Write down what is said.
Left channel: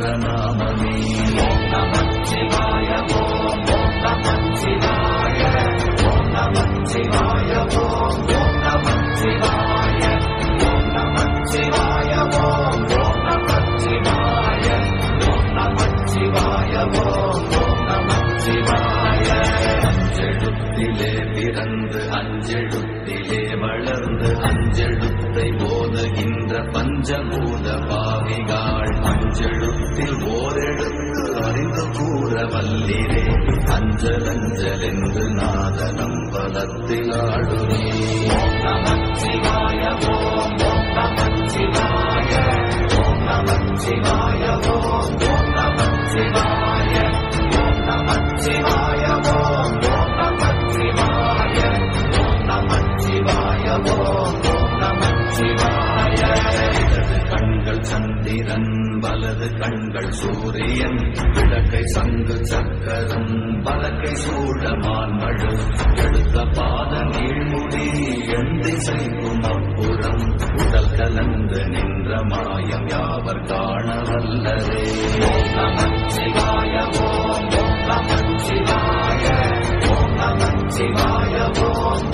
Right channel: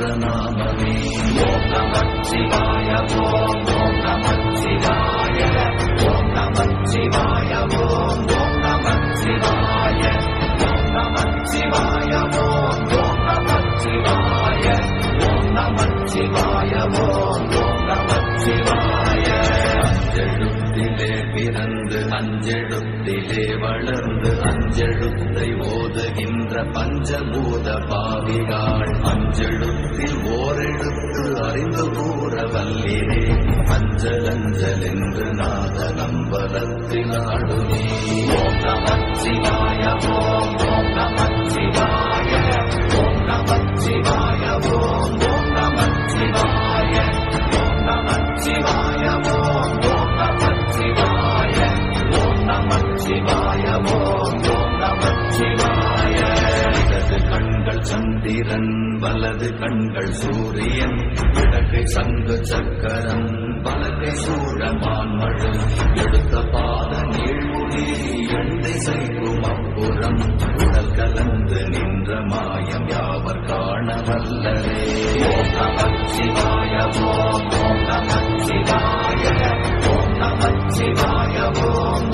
என்ற நாமமே. ஓம் நமச்சிவாய ஓம் நமச்சிவாய ஓம் நமச்சிவாய ஓம் நமச்சிவாய ஓம் நமச்சிவாய ஓம் நமச்சிவாய ஓம் நமச்சிவாய ஓம் நமச்சிவாய. அஞ்செழுத்திலே பிறந்து அஞ்செழுத்திலே வளர்ந்து அஞ்செழுத்தை ஓதுகின்ற பஞ்சபூத பாவிகாள் அஞ்செழுத்தில் ஓரெழுத்து அறிந்து கூற வல்லிரே. அஞ்சல் அஞ்சல் என்று நாத நம்பலத்தில் ஆடுவே. ஓம் நமச்சிவாய ஓம் நமச்சிவாய ஓம் நமச்சிவாய ஓம் நமச்சிவாய ஓம் நமச்சிவாய ஓம் நமச்சிவாய ஓம் நமச்சிவாய ஓம் நமச்சிவாய. இடது கண்கள் சந்திரன் வலது கண்கள் சூரியன் விளக்கை சங்கு சக்கரம் பலக்கை சூழமான் மழு எடுத்த பாத நீழ்முடி எந்தை செய்யும் அப்புறம் உடல் கலந்து நின்ற மாயம் யாவர் காண வல்லரே. ஓம் நமச்சிவாய ஓம் நமச்சிவாய ஓம் நமச்சிவாய ஓம்